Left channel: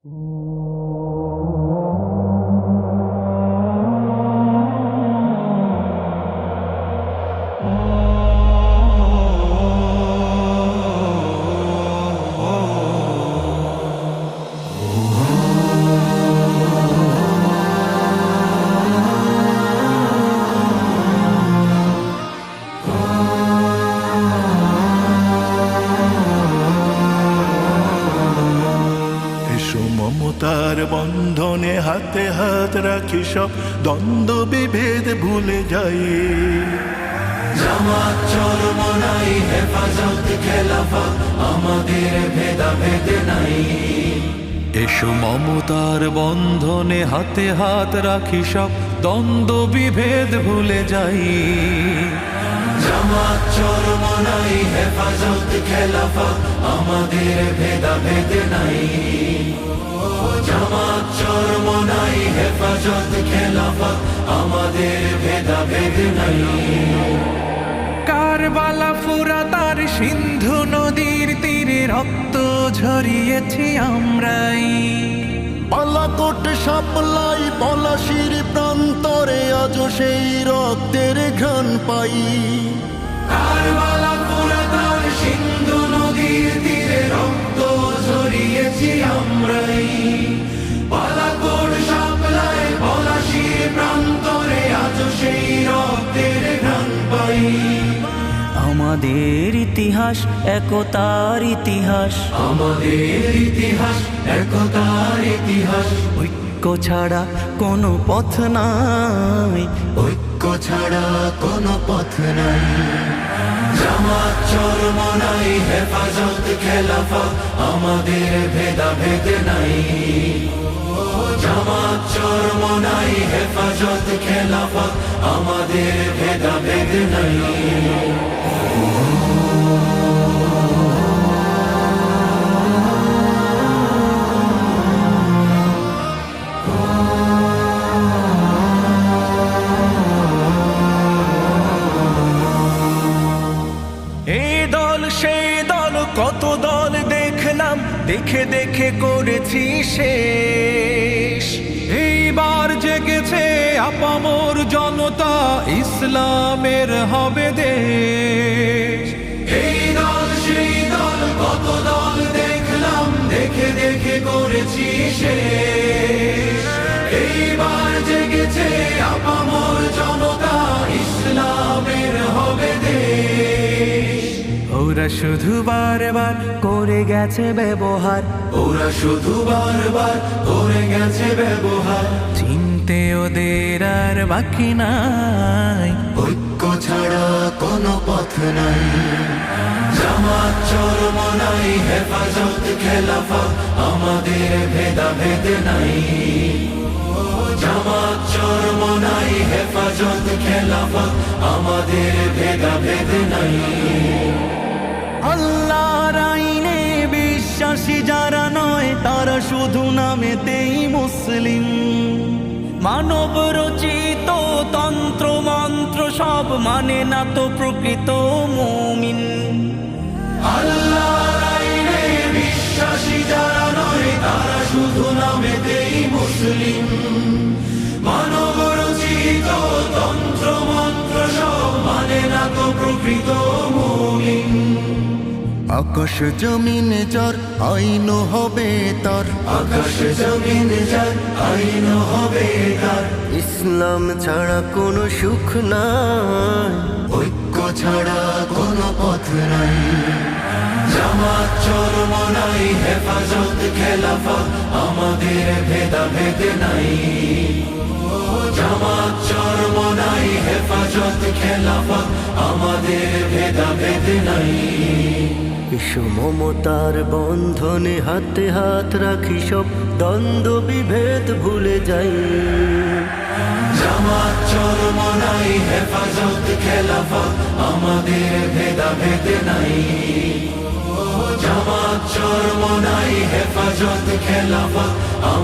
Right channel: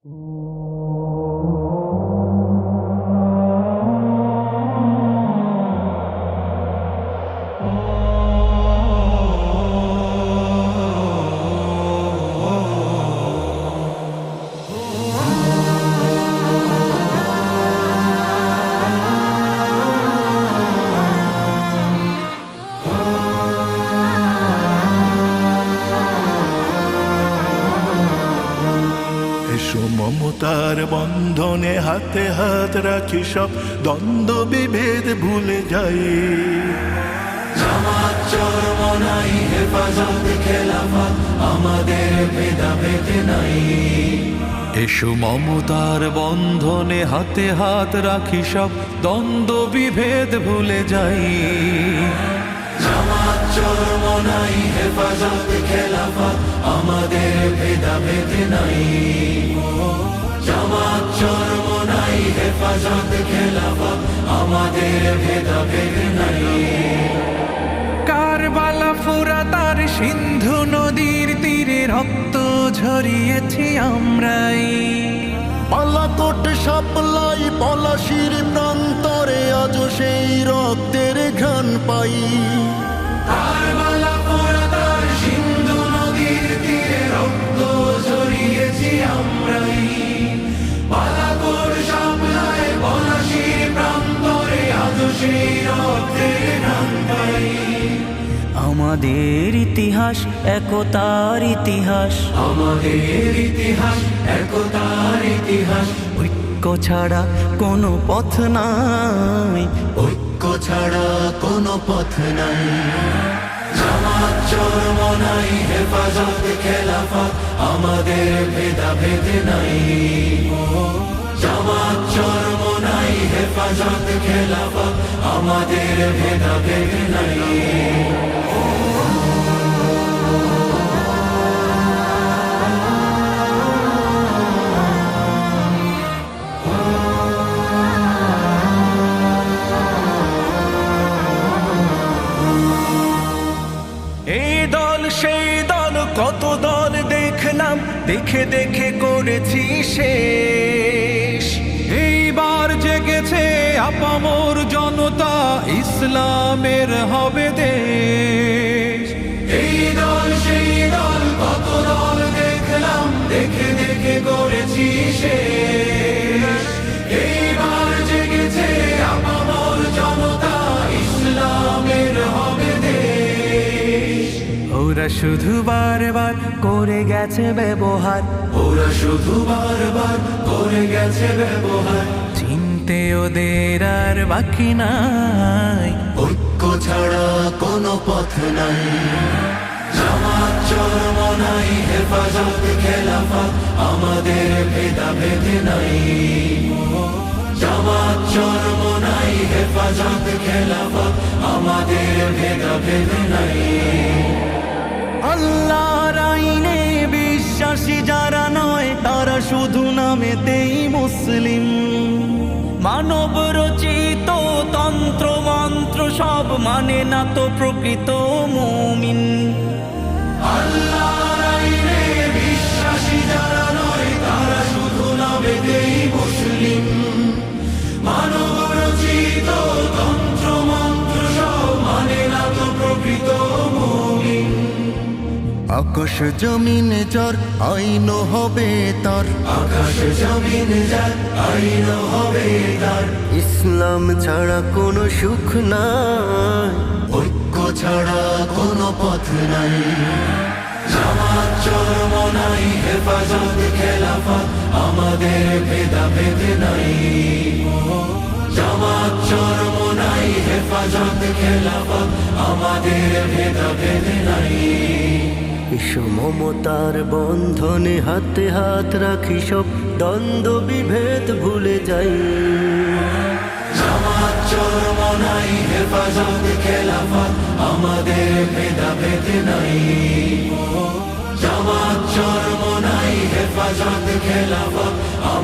এসো মমতার বন্ধনে হাতে হাত রাখি, সব দ্বন্দ্ব বিভেদ ভুলে যাই। জামাত চরমনাই হেফাজত খেলাফা, আমাদের ভেদাভেদ নাই। এসো মমতার বন্ধনে হাতে হাত রাখি, সব দ্বন্দ্ব বিভেদ ভুলে যাই। জামাত চরমনাই হেফাজত খেলাফা, আমাদের ভেদাভেদ নাই। জামাত চরমনাই হেফাজত খেলাফা, আমাদের ভেদাভেদ নাই। কারবালা ফুরাত আর সিন্ধু নদীর তীরে রক্ত ঝরিয়েছি আমরাই। বালাকোট সাপলাই পলাশির প্রান্তরে আজ সেই রক্তের ঘ্রাণ পাই। কারবালা ফুরাত আর সিন্ধু নদীর তীরে রক্ত ঝরিয়েছি আমরাই। বালাকোট সাপলাই পলাশির প্রান্তরে আজ সেই রক্তের ঘ্রাণ পাই। আমাদের ইতিহাস একতার ইতিহাস, আমাদের ইতিহাস একতার ইতিহাস। ঐক্য ছাড়া কোনো পথ নাই, ঐক্য ছাড়া কোনো পথ নাই। জামাত চরমনাই হেফাজত খেলাফা, আমাদের ভেদাভেদ নাই। জামাত চরমনাই হেফাজত খেলাফা, আমাদের ভেদাভেদ নাই। এই দল সেই দল কত দল দেখলাম, দেখে দেখে করেছি শেষ। এইবার জেগেছে আপামর জনতা, ইসলামের হবে দেশ। এই দল সেই দল কত দল দেখলাম, দেখে দেখে করেছি শেষ। এইবার জেগেছে আপামর জনতা, ইসলামের হবে দেশ। ওরা শুধু বারবার করে গেছে ব্যবহার, ওরা শুধু বারবার করে গেছে ব্যবহার। চিনতে ওদের আর বাকি নাই, ঐক্য ছাড়া কোনো পথ নাই। জামাত চরমনাই হেফাজত খেলাফা, আমাদের ভেদাভেদ নাই। জামাত চরমনাই হেফাজত খেলাফা, আমাদের ভেদাভেদ নাই। আল্লাহর আইনে বিশ্বাসী যারা নয়, তারা শুধু নামেতেই মুসলিম। মানব রচিত তন্ত্র মন্ত্র সব মানে না তো প্রকৃত মুমিন। আল্লাহর আইনে বিশ্বাসী যারা নয়, তারা শুধু নামেতেই মুসলিম। মানব রচিত তন্ত্র মন্ত্র সব মানে না তো প্রকৃত মুমিন। আকাশ জমিন যার আইন হবে তার, আকাশ জমিন যার আইন হবে তার। ইসলাম ছাড়া কোনো সুখ নাই, ঐক্য ছাড়া কোনো পথ নাই। জামাত চরমনাই হেফাজত খেলাফা, আমাদের ভেদাভেদ নাই। জামাত চরমনাই হেফাজত খেলাফা, আমাদের ভেদাভেদ নাই। এসো মমতার বন্ধনে হাতে হাত রাখি, সব দ্বন্দ্ব বিভেদ ভুলে যাই। জামাত চরমনাই হেফাজত খেলাফা, আমাদের ভেদাভেদ নাই। জামাত চরমনাই হেফাজত খেলাফা,